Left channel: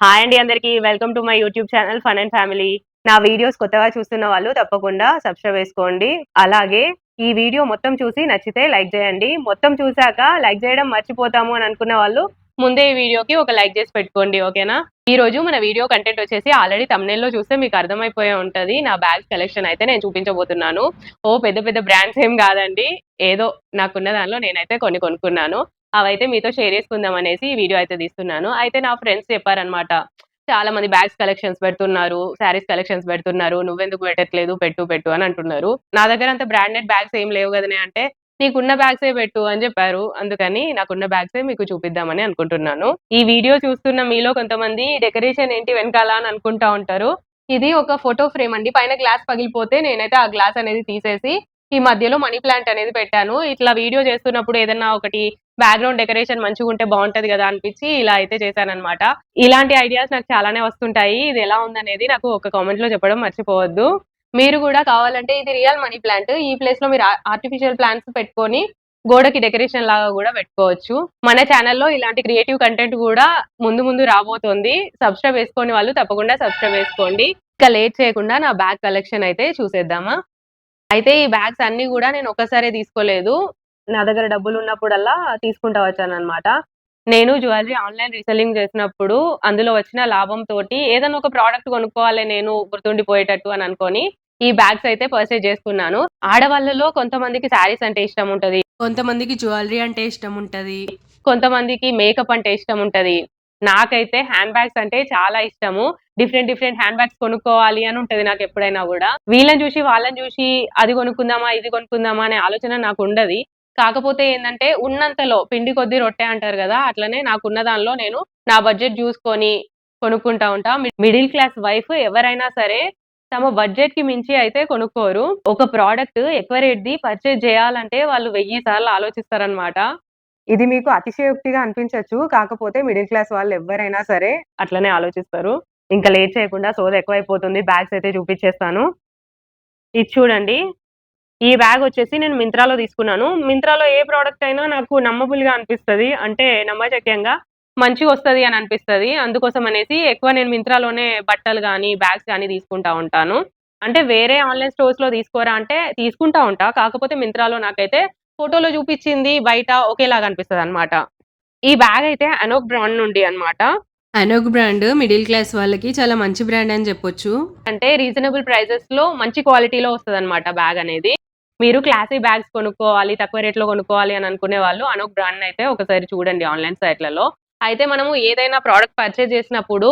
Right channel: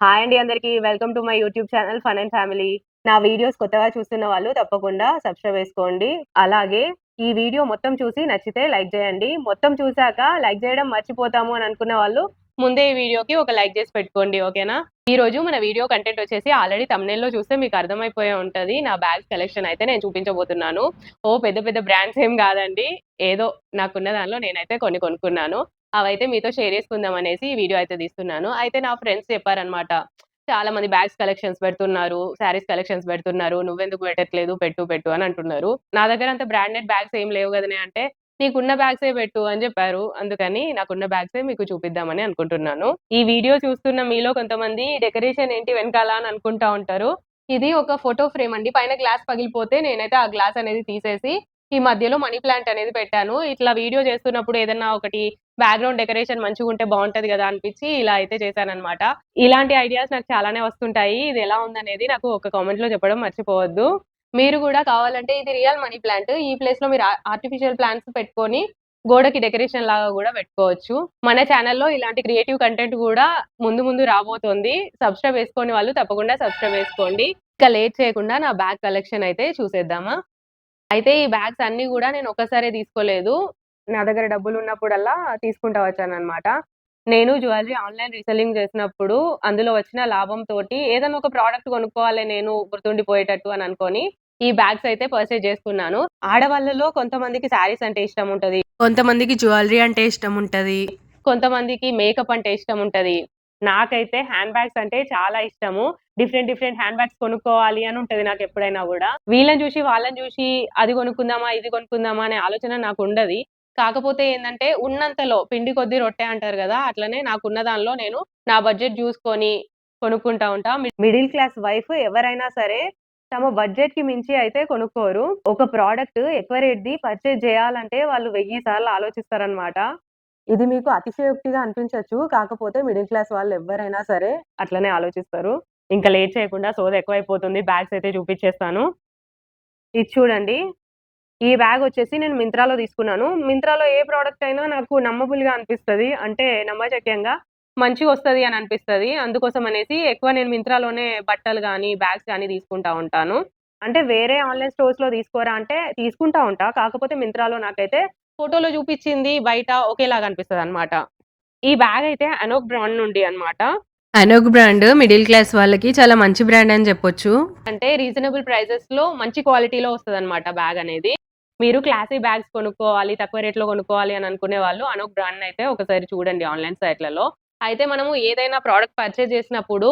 Hi అండి అందరికి. Welcome to my YouTube channel fun and family. నా వీడియోస్ కొత్తగా చూస్తున్న వాళ్ళు తప్పకుండా సబ్స్క్రైబ్ చేసుకోండి. అలాగే ఈ వీడియో మొత్తం చూసి నచ్చితే లైక్ చేయండి. మొత్తం చూసాక లైక్ చేయడం మర్చిపోతాము అని అనుకున్న వాళ్ళు ముందే ఈ వీడియోకి ఒక లైక్ చేసి పెట్టుకోండి. ఓకేనా? ఈ రోజు మన వీడియో కంటెంట్ వచ్చేసి ఆల్రెడీ థంబ్‌నెయిల్‌లో చూస్తే మీకు అర్థమైపోయే ఉంటది. నా బ్యాగ్స్ కలెక్షన్ అయితే నేను చూపించబోతున్నాను. పెద్ద పెద్ద బ్రాండ్స్ ఏం కాదండి. ఏదో నాకున్న దానిలో నేనైతే కొన్ని కొనుక్కున్నాను. అవైతే మీతో షేర్ చేసుకుందాం అనేసి ఈ వీడియో అయితే తీస్తున్నాను. అయితే నా ఫ్రెండ్స్ చెప్పారనమాట. చాలా మంది బ్యాగ్స్ కలెక్షన్స్ పెడుతున్నారు. శారీస్ కలెక్షన్స్ పెడుతున్నారు. నువ్వెందుకు పెట్టట్లేదు? పెట్టు పెట్టు అని అంటున్నారు. నా దగ్గర అంత బ్రాండెడ్ బ్యాగ్స్ ఏం లేవు గదనే అంటే, నీకున్న బ్యాగ్సే పెట్టు అని చెప్పారు. అందుకని నాకున్న బ్యాగ్సే మీకు చూపిద్దామని అనుకుంటున్నాను. ఈ వీడియో చూస్తున్న మీలో కొంతమంది డెకరేషన్ ఏంటి వెనకాల అని అనుకుంటా ఉంటారు. ఇది ఒక ఫోటో ఫ్రేమ్ అండి. పైన గ్లాస్ పగిలిపోతే నేనైతే ఆ గ్లాస్ అనేది తీసేసి ఈ మధ్యలో మనీ ప్లాంట్ అనేది పెట్టాను. ఇట్లా వీడియో చేస్తున్నప్పుడు ఏదన్నా ఒకటి బ్యాక్‌గ్రౌండ్ డెకరేషన్ మంచిగుంటే బావుంటది గదా! అనిపిచ్చి ఇలా అయితే చేశాననమాట. ఇలాంటి ఐడియాస్ నాకు చాలానే వస్తుంటాయి. ఇది ఎలా ఉందనేది నాకు ఒక కామెంట్‌లో చెప్పడం మర్చిపోవద్దు. మీరు గూడా కావాలంటే ఇది రియల్ మనీ ప్లాంట్. ఈ ప్లేస్‌లో మీరు ఆర్టిఫిషియల్ ప్లాంట్స్ పెట్టుకొని గోడకి డెకరేషన్ లాగా గూడా పెట్టుకోవచ్చు. మన ఛానెల్‌లో ఇలాంటి క్రియేటివ్ కంటెంట్ గూడా ముందు ముందు రాబోతోంది. సబ్స్క్రైబ్ చేసుకోని వాళ్ళు తప్పకుండా సబ్స్క్రైబ్ చేసుకోండి. ఇక లేట్ చేయకుండా నా బ్యాగ్ కలెక్షన్ అయితే చూసేద్దామా? అయితే ఈ బ్యాగ్స్ అన్నీ గూడా నేను ఒక్కసారే తీసుకోలేదు. నా దగ్గర డబ్బులున్నప్పుడల్లా తీసుకుంటా వచ్చాననమాట. నేను జ్యువెల్లరీ ఆన్‌లైన్ రీసెల్లింగ్ చేసినప్పుడు అందులో వచ్చిన లాభంతోటి ఏదన్నా ఒక ప్రొడక్ట్ కొనుక్కోవాలి నేను గుర్తుండిపోయేటట్టు అని అనుకోని, ఈ బ్యాగ్స్ అయితే పర్చేజ్ చేసుకున్నాను. ఆడవాళ్ళలో కొంతమందికి శారీస్ అంటే ఇష్టముంటది. కొంతమందికి జ్యువెల్లరీ అంటే ఇష్టముంటది. కొంతమందికి మేకప్ అంటే ఇష్టముంటది. నాకైతే హ్యాండ్ బ్యాగ్స్ అంటే చాలా ఇష్టము. డిఫరెంట్ డిఫరెంట్ హ్యాండ్ బ్యాగ్స్ కొనుక్కోవాలి అని ఉంటది నాకెప్పుడైనా గూడా. వీళ్ళని జూసి, వాళ్ళని జూసి అది కొనుక్కుందామా, ఇది కొనుక్కుందామా అనే ఆలోచన నాకుండది. కాకపోతే ఏందంటే ఉన్నంతలో పిండి కొద్దీ రొట్టె అంటారు గదా! అట్లనే నాకున్న దానిలో నేను నా బడ్జెట్ జూసుకొని కొనుక్కుంటా ఉంటా. మిడిల్ క్లాస్ వైఫ్ ఎవరైనా సరే తమ బడ్జెట్‌కి మించి అయితే కొనుక్కోరు. ఒక ప్రొడక్ట్ ఎక్కువ రేట్‌ది పర్చేజ్ జేయాలంటే వాళ్ళు 1000 సార్లు ఆలోచిస్తారనమాట. ఇది మీకు అతిశయోక్తిగా అనిపించొచ్చు. కాకపోతే మిడిల్ క్లాస్ వాళ్ళెవ్వరైనా సరే అట్లనే ఆలోచిస్తారు. ఇంక లేట్ చేయకుండా సోదెక్కువైపోతుంది. బ్యాగ్స్ అయితే చూపిచ్చేస్తాను. ఇది చూడండి. ఈ బ్యాగొచ్చేసి నేను మింత్రాలో తీసుకున్నాను. మింత్రాలో ఏ ప్రొడక్ట్ అయినా నాకు నమ్మబుల్‌గా అనిపిస్తది. అంటే నమ్మశక్యంగా మంచిగొస్తది అని అనిపిస్తది. అందుకోసం అనేసి ఎక్కువ నేను మింత్రాలోనే బట్టలు గానీ, బ్యాగ్స్ గానీ తీసుకుంటా ఉంటాను. అంటే వేరే ఆన్‌లైన్ స్టోర్స్‌లో తీసుకోరా అంటే తీసుకుంటా ఉంటా. కాకపోతే మింత్రాలో నాకైతే ఫోటోలో చూపిచ్చింది బయట ఒకేలాగా అనిపిస్తదనమాట. ఈ బ్యాగయితే అనోక్ బ్రాండ్ నుండి అన్నమాట. అనోక్ బ్రాండ్ మిడిల్ క్లాస్ వాళ్ళకి చాలా మంచి బ్రాండ్ అని చెప్పొచ్చు. అంటే రీజనబుల్ ప్రైజెస్‌లో మంచి క్వాలిటీలో వస్తదన్నమాట బ్యాగనేది. మీరు క్లాసీ బ్యాగ్స్ కొనుక్కోవాలి, తక్కువ రేట్‌లో కొనుక్కోవాలి అని అనుకునే వాళ్ళు అనోక్ బ్రాండ్‌నయితే ఒకసారి చూడండి ఆన్‌లైన్ సైట్‌లలో. అయితే మనము ఏదైనా ప్రొడక్ట్ పర్చేజ్ చేసినప్పుడు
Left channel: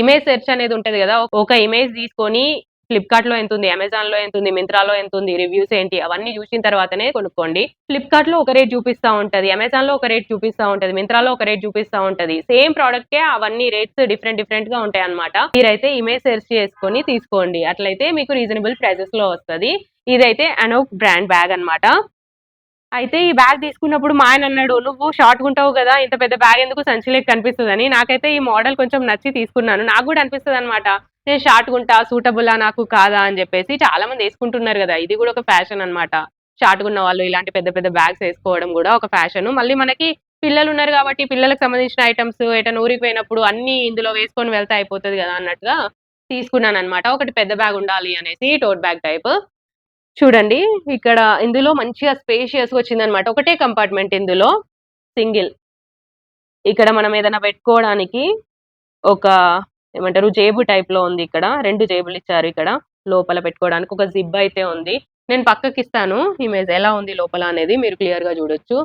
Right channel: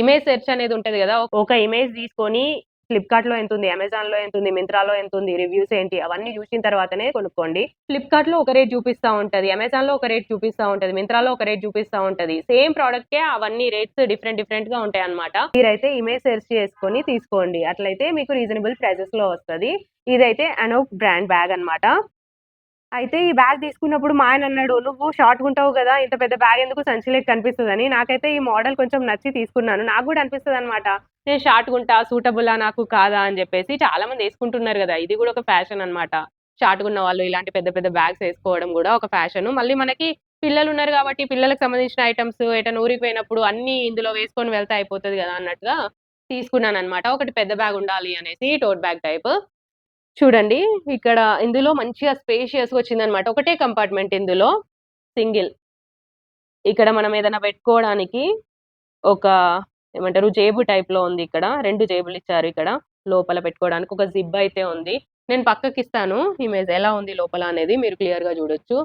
ఇమేజ్ సెర్చ్ అనేది ఉంటది గదా! ఒక ఇమేజ్ తీసుకొని ఫ్లిప్‌కార్ట్‌లో ఎంతుంది, అమెజాన్‌లో ఎంతుంది, మింత్రాలో ఎంతుంది, రివ్యూస్ ఏంటి అవన్నీ జూసిన తర్వాతనే కొనుక్కోండి. ఫ్లిప్‌కార్ట్‌లో ఒక రేట్ చూపిస్తా ఉంటది. అమెజాన్‌లో ఒక రేట్ చూపిస్తా ఉంటది. మింత్రాలో ఒక రేట్ చూపిస్తా ఉంటది. సేమ్ ప్రొడక్ట్‌కే అవన్నీ రేట్స్ డిఫరెంట్ డిఫరెంట్‌గా ఉంటాయన్నమాట. మీరైతే ఇమేజ్ సెర్చ్ చేసుకొని తీసుకోండి. అట్లయితే మీకు రీజనబుల్ ప్రైజెస్‌లో వస్తది. ఇదైతే అనోక్ బ్రాండ్ బ్యాగ్ అన్నమాట. అయితే ఈ బ్యాగ్ తీసుకున్నప్పుడు మా ఆయనన్నాడు, "నువ్వు షార్ట్‌గుంటావు గదా! ఇంత పెద్ద బ్యాగ్ ఎందుకు సంచి లెక్క కనిపిస్తదని." నాకైతే ఈ మోడల్ కొంచెం నచ్చి తీసుకున్నాను. నాకు గూడా అనిపిస్తదనమాట. నేను షార్ట్‌గుంటా, సూటబులా నాకు కాదా అని జెప్పేసి. చాలా మంది యేసుకుంటున్నారు గదా! ఇది గూడా ఒక ఫ్యాషన్ అనమాట. షార్ట్‌గున్న వాళ్ళు ఇలాంటి పెద్ద పెద్ద బ్యాగ్స్ యేసుకోవడం గూడా ఒక ఫ్యాషను. మళ్ళీ మనకి పిల్లలున్నారు గాబట్టి పిల్లలకి సంబంధించిన ఐటెమ్స్ ఎటైనా ఊరికి పోయినప్పుడు అన్నీ ఇందులో వేసుకొని వెళ్తే అయిపోతది గదా! అన్నట్టుగా తీసుకున్నాననమాట. ఒకటి పెద్ద బ్యాగ్ ఉండాలి అనేసి టోట్ బ్యాగ్ టైప్. చూడండి. ఇక్కడ ఇందులో మంచిగా స్పేషియస్‌గా వచ్చిందనమాట. ఒకటే కంపార్ట్‌మెంట్ ఇందులో. సింగిల్. ఇక్కడ మనం ఏదైనా పెట్టుకోవడానికి ఒక ఏమంటారు జేబు టైప్‌లో ఉంది ఇక్కడ. 2 జేబులిచ్చారు ఇక్కడ. లోపల పెట్టుకోవడానికి ఒక జిప్ అయితే ఉంది. నేను పక్కకిస్తాను ఇమేజ్ ఎలా ఉంది లోపల అనేది మీరు క్లియర్‌గా చూడొచ్చు.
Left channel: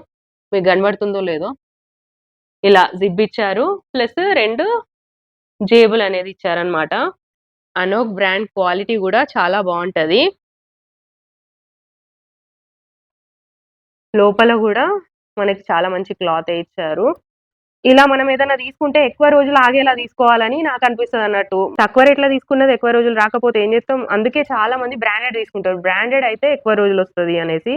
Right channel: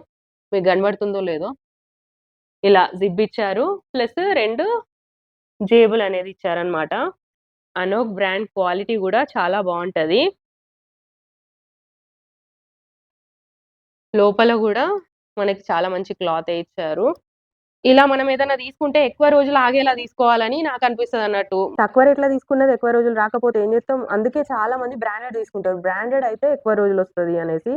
మీకు కనబడుతుందో లేదో. ఇలా జిప్ ఇచ్చారు. ప్లస్ 2 జేబులనేది ఇచ్చారనమాట. అనోక్ బ్రాండ్ క్వాలిటీ గూడా చాలా బావుంటది. లోపల గూడా మనకి చాలా మంచి క్లాతే ఇచ్చారు. ఇలా మనం ఏదన్నా తీసుకుంటే ఎక్కువ రోజులు ఆగేలా తీసుకోవాలని నాకనిపిస్తదన్నట్టు. తక్కువ రేట్‌లో తీసుకున్నది ఎక్కువ రోజులు రాకపోతే ఏం చేస్తాం? అందుకే చాలా మంది బ్రాండెడ్ తీసుకుంటారు. బ్రాండెడ్ అయితే ఎక్కువ రోజులొస్తది అనేసి.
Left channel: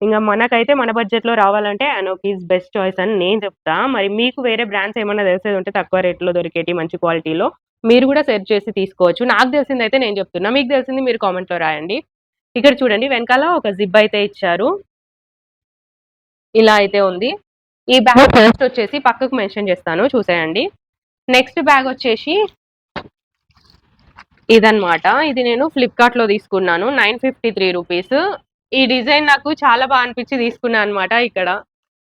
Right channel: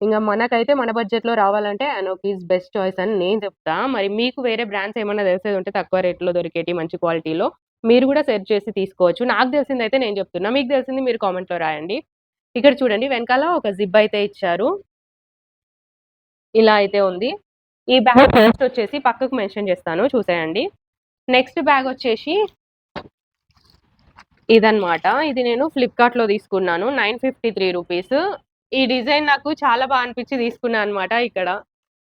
ఇంగ మనకైతే మన బడ్జెట్‌లో రావాలంటే అనోక్ ఈస్ బెస్ట్ చాయిస్ అని నేను చెప్తా. మరి మీకు వేరే బ్రాండ్స్ ఏమన్నా తెలిసేది ఉంటే తక్కువ రేట్‌లో దొరికేటి మంచి క్వాలిటీలో మీరు గూడా సెర్చ్ చేసి తీసుకోవచ్చు. నాకు తెలిసిందైతే నేను చెప్తున్నా. మీకు తెలిసింది మీరు కామెంట్‌లో రాయండి. ఇక్కడ చూడండి వెనకాల ఒక జిప్ అయితే ఇచ్చారు. ఇలా అయితే ఉంది. ఈ బ్యాగ్ కాస్ట్ వచ్చేసి పక్కకు మెన్షన్ చేస్తాను చూసేయండి. నెక్స్ట్ బ్యాగ్ వచ్చేసి ఇదనమాట. ఇది నేను ఫ్లిప్‌కార్ట్‌లో తీసుకున్నాను. 953 రూపీస్. ఈ డిజైన్ నాకు చాలా అనిపించి తీసుకున్నా అనమాట ఇక్కడ.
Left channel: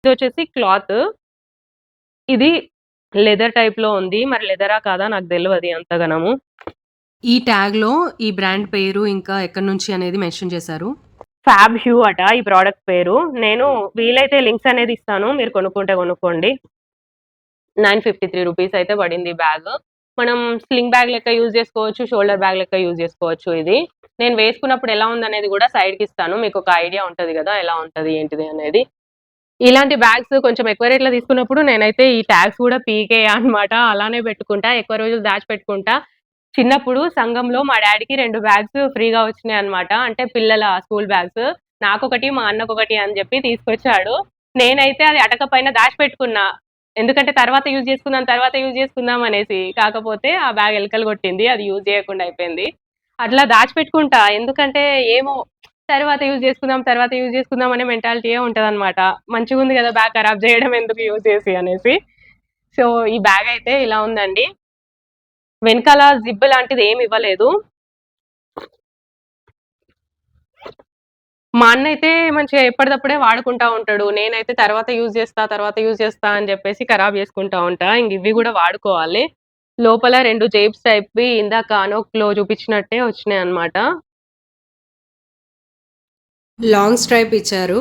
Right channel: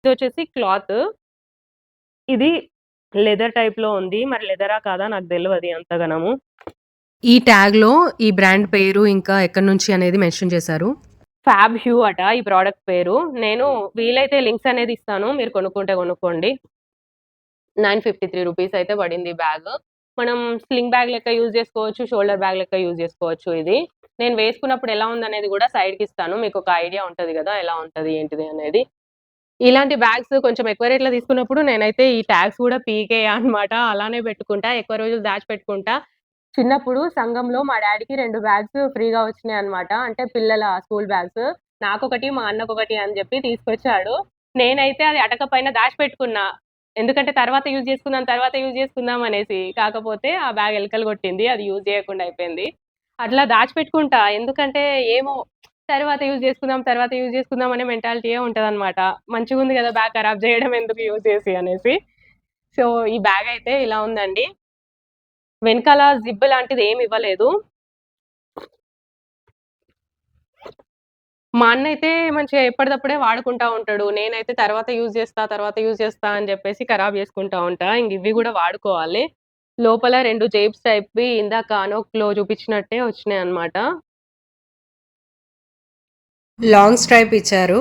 ఇదొచ్చేసి క్లాత్. ఇది లెదర్ టైప్‌లో ఉంది. మరి లెదరా కాదా నాకు తెలవది అంతగనము. ఈ ట్యాగ్‌లో ఈ బ్రాండ్ పేరు ఇంకా ఎక్కడి నుంచి అనేది మెన్షన్ చేశారు. ఫ్యాబ్ హ్యూ అట ఈ ప్రొడక్ట్ పేరు. నేను వీలైతే లింక్స్ అనేది ఇస్తాను. మీరు కొనుక్కుంటే కొనుక్కోండి. 953 రూపీస్ అయితే పడింది బ్యాగ్. మనం స్లింగ్ బ్యాగ్ లెక్క యూజ్ చేసుకోవచ్చు. షోల్డర్ బ్యాగ్ లెక్క యూజ్ చేసుకోవచ్చు ఇది. నేను వేసుకున్నప్పుడు ఎలా ఉందనేది కూడా సైడ్‌కి ఇస్తాను. మీకు ఒక ఐడియా ఉంటది కదా! ఎలా ఉంటది ఏంటిది అనేది. ఇలాంటి బ్యాగ్స్ కొంచెం ఎక్కువ రేట్‌లో తీసుకున్నప్పుడు నేనైతే ఈ ట్యాగ్స్ కూడా పీకేయా అనమాట. అలానే పెట్టుకుంటా. ఎక్కువ రోజులు దాచిపెట్టుకుంటా. చిన్నప్పుడు సంఘంలో మా డ్యాడీకి 2 బ్యాగ్స్ ఫ్రీగా వచ్చినాయన్నమాట. అంటే పిల్లల స్కూల్ బ్యాగ్స్. నాకొకటి, మా అన్నకొకటి అని చెప్పి తీసుకొచ్చాడు. నేనైతే అది అటక పైన దాచిపెట్టుకున్నా. ఎందుకంటే తర్వాత యూజ్ చేసుకుందాం అనేసి. కాకపోతే ఆ బ్యాగ్ ఎలకలు కొట్టింది. అది యూజ్ చేయకుండా అయిపోయింది. అట్లా దాచిపెట్టుకుంటా. ఎందుకంటే ఏమో తర్వాత యూజ్ చేసుకుందాం అనే మెంటాలిటీయే ఉంటదనమాట. మంచిగుంది కదా! బ్యాగ్ ఖరాబ్ చేయడం ఎందుకు యూజ్ చేసి అనేసి. సో, ఈ బ్యాగ్ అయితే ఇలా ఉందండి. వెనకాల జిప్ లాంటిది ఏమి ఇవ్వలేదు. మా అన్నయితే మంచిగా ఎప్పటిదప్పుడే వాడుకుంటా ఉంటాడు. నేనైతే తర్వాత యూజ్ చేస్తా అని చెప్పేసి ఖరాబ్ చేసుకుంటా ఉంటా. ఇంక ఇవి కూడా వాడుకోవాలి. లోపల 2 జేబ్స్ టైప్‌వి ఇందాక అనోక్‌లో చూపించినట్టే వచ్చినాయన్నమాట. లాంగ్ స్ట్రైప్ ఇచ్చారు.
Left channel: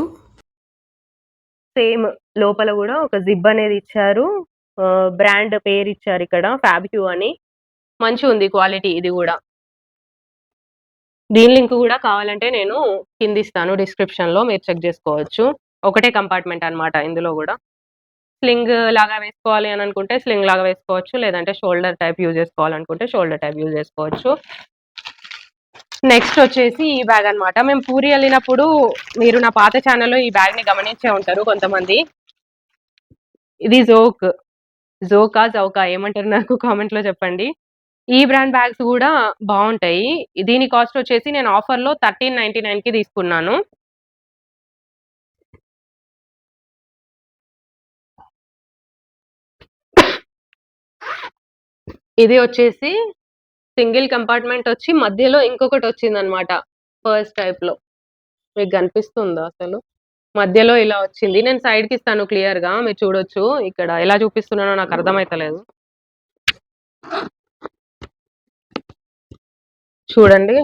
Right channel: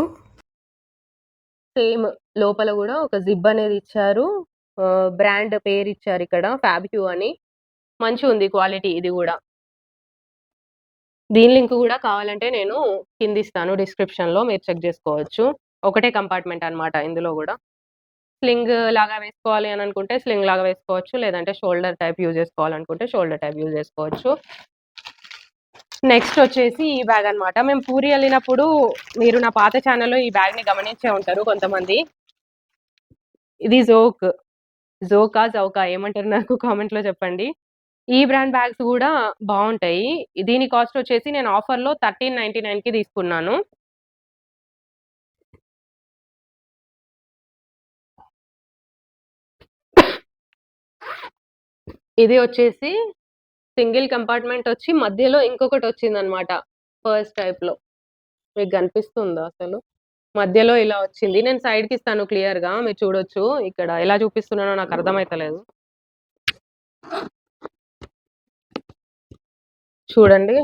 సేమ్ లోపల కూడా ఒక జిప్ అనేది ఇచ్చారు. బ్రాండ్ పేరు ఇచ్చారు ఇక్కడ ఫ్యాబ్‌క్యూ అని. మంచిగుంది క్వాలిటీ ఇది కూడా. దీని లింక్ కూడా కావాలంటే నేను కిందిస్తాను డిస్క్రిప్షన్‌లో మీరు చెక్ చేసుకోవచ్చు. ఒకటే కంపార్ట్మెంట్ అన్నమాట ఇందులో కూడా. స్లింగ్ లాగా వేసుకోవాలి అని అనుకుంటే స్లింగ్ లాగా వేసుకోవచ్చు. లేదంటే షోల్డర్ టైప్ యూజ్ చేసుకోవాలనుకుంటే షోల్డర్ టైప్ యూజ్ చేసుకోవచ్చు. నెక్స్ట్ వచ్చేసి ఈ బ్యాగ్ అన్నమాట. మేము పూరి ఎళ్ళినప్పుడు మీరు నా పాత ఛానెల్‌లో ఈ బ్యాగ్‌ని గమనించే ఉంటారు కొంతమంది. ఇది జోక్. జోకా? జౌకా ఏమంటారు నాకు కామెంట్‌లో చెప్పండి. ఈ బ్రాండ్ బ్యాగ్స్ గూడా బావుంటాయి. దీని కాస్ట్ వచ్చేసి నేను ఆఫర్‌లో 1399కి తీసుకున్నాను. ఇది వచ్చేసి సింగిల్ కంపార్ట్మెంట్ వచ్చి మధ్యలో ఇంకొకటొచ్చిందనమాట. పర్స్ టైప్‌లో. మీకు గనిపిస్తుందా అసలు? మధ్యలో ఇలా వచ్చింది. నేను సైడ్‌కిస్తాను క్లియర్‌గా మీరు చూడొచ్చు. ఇక్కడ ఎలా చూపిస్తున్నానో నాకు అర్థమైతలేదు. చూడండి.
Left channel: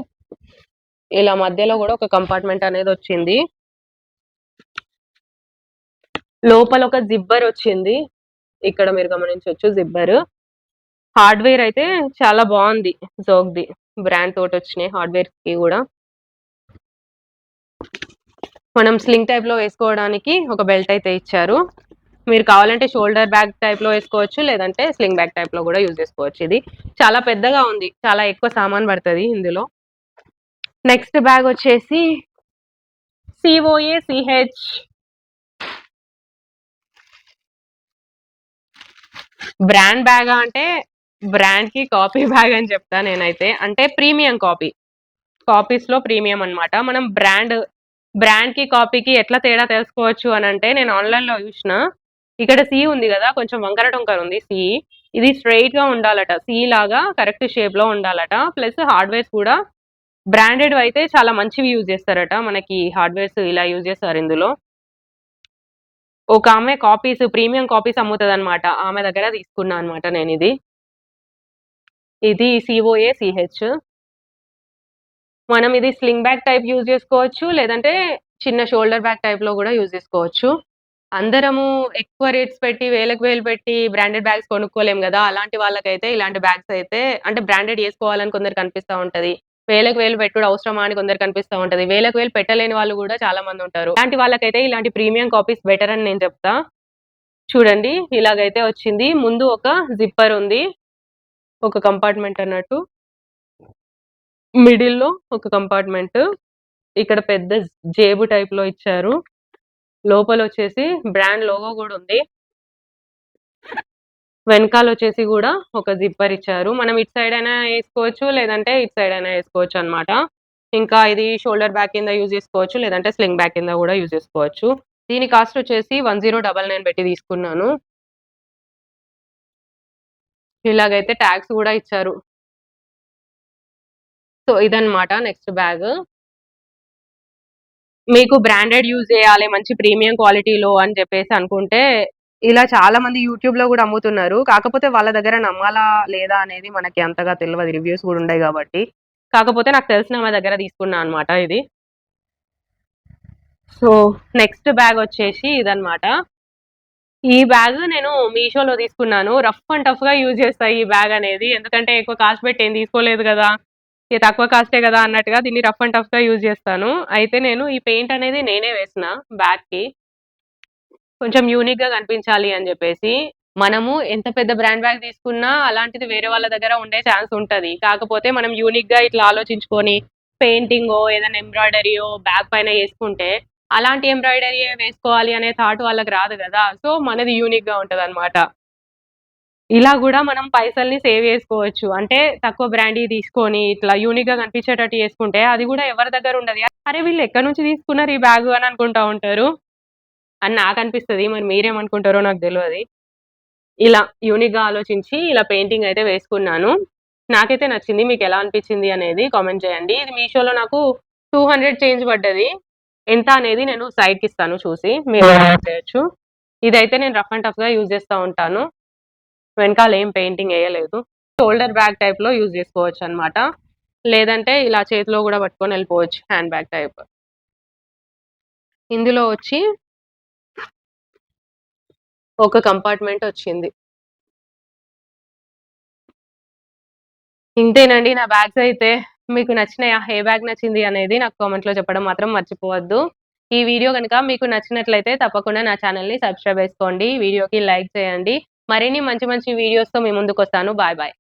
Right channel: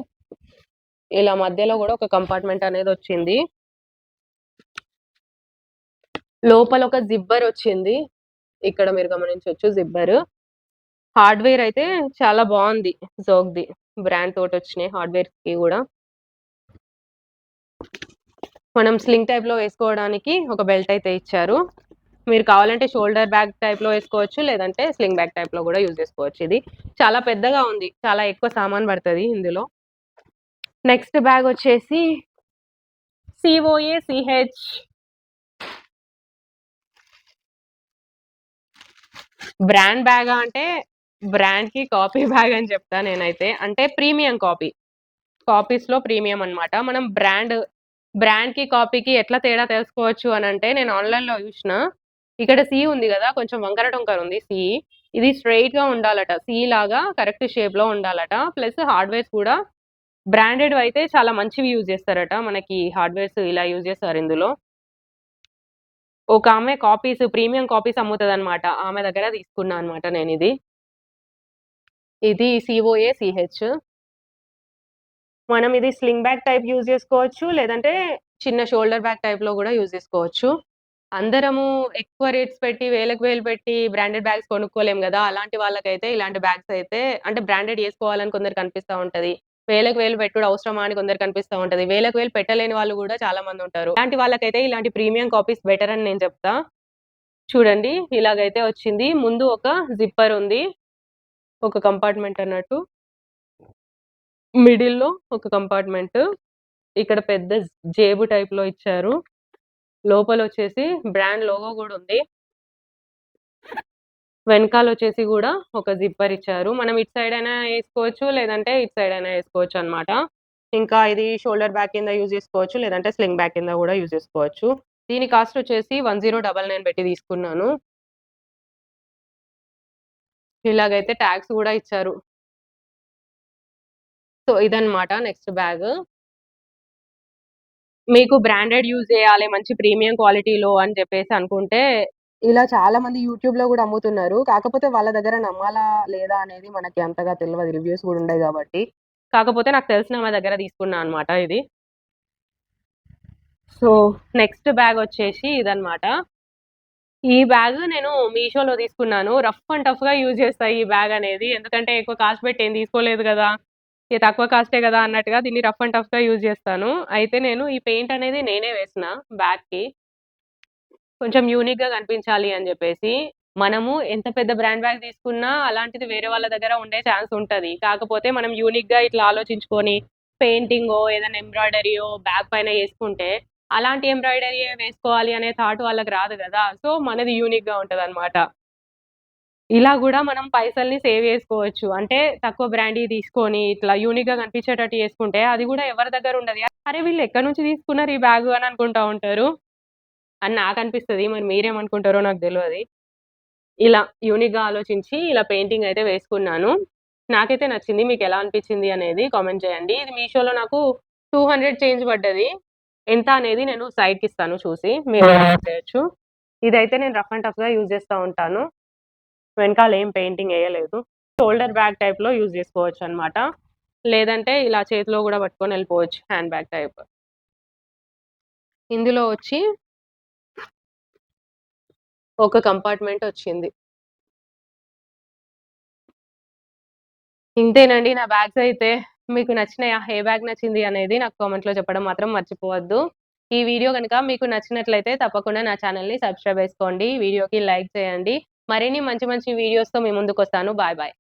ఇలా మధ్యలో గూడా ఒక కంపార్ట్మెంట్ అనేదొచ్చింది. లోపల ఒక జిబ్బర్ వచ్చింది. ఇక్కడ మీరు గమనించొచ్చు జిబ్బర్. హార్డ్‌వేర్ అయితే చాలా బావుంది. జోక్‌ది. బ్రాండ్ తోటొచ్చినాయి హార్డ్‌వేర్స్‌కి గూడా. మనం స్లింగ్ టైప్‌లో వేసుకోవడానికి ఒక బెల్ట్ అయితే ఇచ్చారు. మీరు కావాలంటే షోల్డర్ బ్యాగ్ టైప్‌లో వేసుకోవచ్చు. లేదంటే స్లింగ్ బ్యాగ్ టైప్‌లో గూడా యూజ్ చేసుకోవచ్చు ఇది. చాలా పెద్దగా ఉంది. చాలా ఎక్కువ సామాను పడతది ఇందులో. నెక్స్ట్ బ్యాగ్ వచ్చేసి COACH బ్రాండ్ బ్యాగా అంటే బ్రాండ్‌కి కాపీ బ్యాగ్ అని చెప్తా నేనైతే. అంటే ప్రీమియం కాపీ. కాపీస్‌లో ప్రీమియం అన్నమాట. మనం బ్రాండ్‌కి, కాపీకి ఎట్లా తేడా తెలుసుకోవచ్చు అనంటే నేను ఆన్‌లైన్‌లో చూషిన. ఇక్కడ సి ఉంది గదా! కొంచెం వంకర టొంకర ఉంది సి. ఇది స్ట్రెయిట్‌గా ఉండాలట. సి లాగా కరెక్ట్ షేప్‌లో ఉండాలట. ప్లస్ హార్డ్‌వేర్స్ కూడా బ్రాండెడ్‌వి అయితే చాలా మంచివి యూజ్ చేస్తారట. మనకి హార్డ్‌వేర్స్ ఇలా యూజ్ చేస్తారు ఇందులో. ఒక ఆమె కాపీస్ ప్రీమియం కాపీస్ అమ్ముతదన్నమాట. ఆమె దగ్గర తీసుకున్నా అన్నమాట నేనిది. ఇది COACH. మనం ఇది స్లింగ్ బ్యాగ్ టైప్ యూజ్ చేసుకోవచ్చు. లేదంటే చిన్న షోల్డర్ బ్యాగ్ టైప్‌లో గూడా యూజ్ చేసుకోవచ్చు. అందరము ఎక్కువ రేట్స్ పెట్టి వేలకు వేలు పెట్టి బ్రాండెడ్ బ్యాగ్స్ కొనుక్కోలేం గదా! అలాంటి వాళ్ళకైతే ఇలాంటి బ్యాగ్స్ అయితే అంటే బ్రాండెడ్ ఏసుకోవాలని కొందరికి అనిపిస్తా ఉంటది. వేలకు వేలు పెట్టుడు అవసరమా అని కొందరికి అనిపిస్తా ఉంటది. వేలకు వేలు పెట్టలేని వాళ్ళు గూడా చాలా మందుంటారు. అలాంటి వాళ్ళకైతే ఇలాంటి ప్రీమియం కాపీస్ బెటర్ అని నేను చెప్తా. చూడండి ఇలాగైతే వచ్చింది. ముందు ఒక జిప్పర్ ఉంది. ఒక కంపార్ట్మెంట్ అన్నట్టు. మిడిల్‌లో ఒక కంపార్ట్మెంట్. ఇక్కడ పెద్ద జేబు టైప్‌లో ఇచ్చారు. లోపలొచ్చేసి బ్రాండ్ లోగో గూడా ఉంది. వెనకాలొచ్చేసి గూడా ఒక జిప్పర్ ఇచ్చారు. మనం ఇటు సైడ్ అయినా ఏసుకోవచ్చు. లేదంటే ఇటు సైడ్ అయినా ఏసుకోవచ్చనమాట. ఇంకా ఇది షోల్డర్ బ్యాగ్ కింద యూజ్ చేసుకోవచ్చు. లేదంటే స్లింగ్ బ్యాగ్ కింద గూడా యూజ్ చేసుకోవచ్చు. దీని కాస్ట్ వచ్చేసి 1099 పెట్టి తీసుకున్నాను. ఇలాగైతే ట్యాగ్స్ గూడా ఇచ్చారు. సో, ఇదన్నమాట నెక్స్ట్ బ్యాగ్. మీకు బ్రాండెడ్ యూజ్ జేయాలి, మంచి ప్రీమియం క్వాలిటీలో అని చెప్పేసి అనుకుంటే, ఇలా చాలా మంది యూట్యూబ్‌లో గూడా అమ్ముతున్నారు. కాకపోతే వాళ్ళ దగ్గర నమ్మాలా లేదా అనేది మనకి అంతగా తెలవదు. రివ్యూస్ గూడా ఉండయి గాబట్టి. కాకపోతే నాకు తెలిసిన ఆమె దగ్గర తీసుకున్నా అన్నమాట ఇది. సో, నెక్స్ట్ బ్యాగొచ్చేసి ఇదన్నమాట. ఈ బ్యాగ్ నేను మీషోలో తీసుకున్నాను. రఫ్ అండ్ టఫ్‌గా యూజ్ చేస్తా ఈ బ్యాగ్ అనేది. ఎందుకంటే ఎక్కువ కాస్ట్ పెట్టి ఏం తీసుకోలేదు గదా! ఇది తక్కువ కాస్టే గదా! అన్నట్టుగా దీన్ని రఫ్ అండ్ టఫ్‌గా యూజ్ చేస్తాను. అయితే నేను ఈ పెయింట్ అనేది నేనే వేసిన బ్యాగ్‌కి. కొంచెం యూనిక్‌గా కనిపించాలి అని జెప్పేసి. మనము ఎంత పెద్ద బ్రాండ్ బ్యాగ్ తీసుకున్నా అలాంటిది వేరే వాళ్ళ దగ్గర ఉండే ఛాన్స్ ఉంటది. కాకపోతే మనం యూనిక్‌గా ఇట్లా ఆలోచించుకొని పెయింటింగో, ఏదైనా ఎంబ్రాయిడరీయో బ్యాగ్ పైన యేసుకుంటే, అలాంటి ఎంబ్రాయిడరీయే వేసుకోవాలి అనే థాట్ వాళ్ళకి రాదు గదా! సో, మనది యూనిక్‌గా ఉంటదనమాట. ఇలా గూడా మనం పైసల్ని సేవ్ జేసుకోవచ్చు. అంటే తక్కువ బ్రాండీయి తీసుకొని ఇట్లా యూనిక్‌గా కనిపించేటట్టు చేసుకుంటే అది గూడా ఎవరి దగ్గర ఉండది. అరే! వీళ్ళు ఎక్కడి నుంచి తీసుకున్నారు ఈ బ్యాగు అని అనుకుంటా ఉంటారు. అని నాకనిపిస్తది. మరి మీరేమనుకుంటారో నాకు దెలవది. ఇలా యూనిక్‌గా ఆలోచించి ఇలా పెయింటింగ్ అయితే వేసుకున్నాను. నాకైతే నచ్చింది. మీకెలా అనిపించింది అనేది కామెంట్ చేయండి. ఇది మీషోలో నాకు 200 చేంజ్ పడ్డది. ఎంత అనేది నేను సైడ్‌కిస్తాను చూసి మీరు కామెంట్ చేయొచ్చు. ఇదైతే నేను రఫ్ అండ్ టఫ్‌గా యూజ్ చేస్తా ఉంటాను. వెనకాల ఏం పెయింటింగ్ ఎయలేదు. షోల్డర్ బ్యాగ్ టైప్‌లో యూజ్ చేసుకోవచ్చనమాట. లేదంటే ఇలా చేతిలో గూడా పట్టుకొని ఎళ్ళిపోవచ్చు హ్యాండ్ బ్యాగ్ టైప్. ఇందులో వచ్చి ఒక కంపార్ట్‌మెంట్ వచ్చింది. ఇంతేనండి నా బ్యాగ్స్ అయితే. మీకు నచ్చినయా? ఏ బ్యాగ్ నచ్చింది అనేది నాకు కామెంట్‌లో చెప్పడం మాత్రం మర్చిపోవద్దు. ఈ వీడియో గనుక మీకు నచ్చినట్లయితే తప్పకుండా నా ఛానెల్‌ని సబ్స్క్రైబ్ చేసుకోండి. వీడియోకి లైక్ చేయండి. మరిన్ని మంచి మంచి వీడియోస్‌తో మీ ముందుకొస్తాను. Bye bye.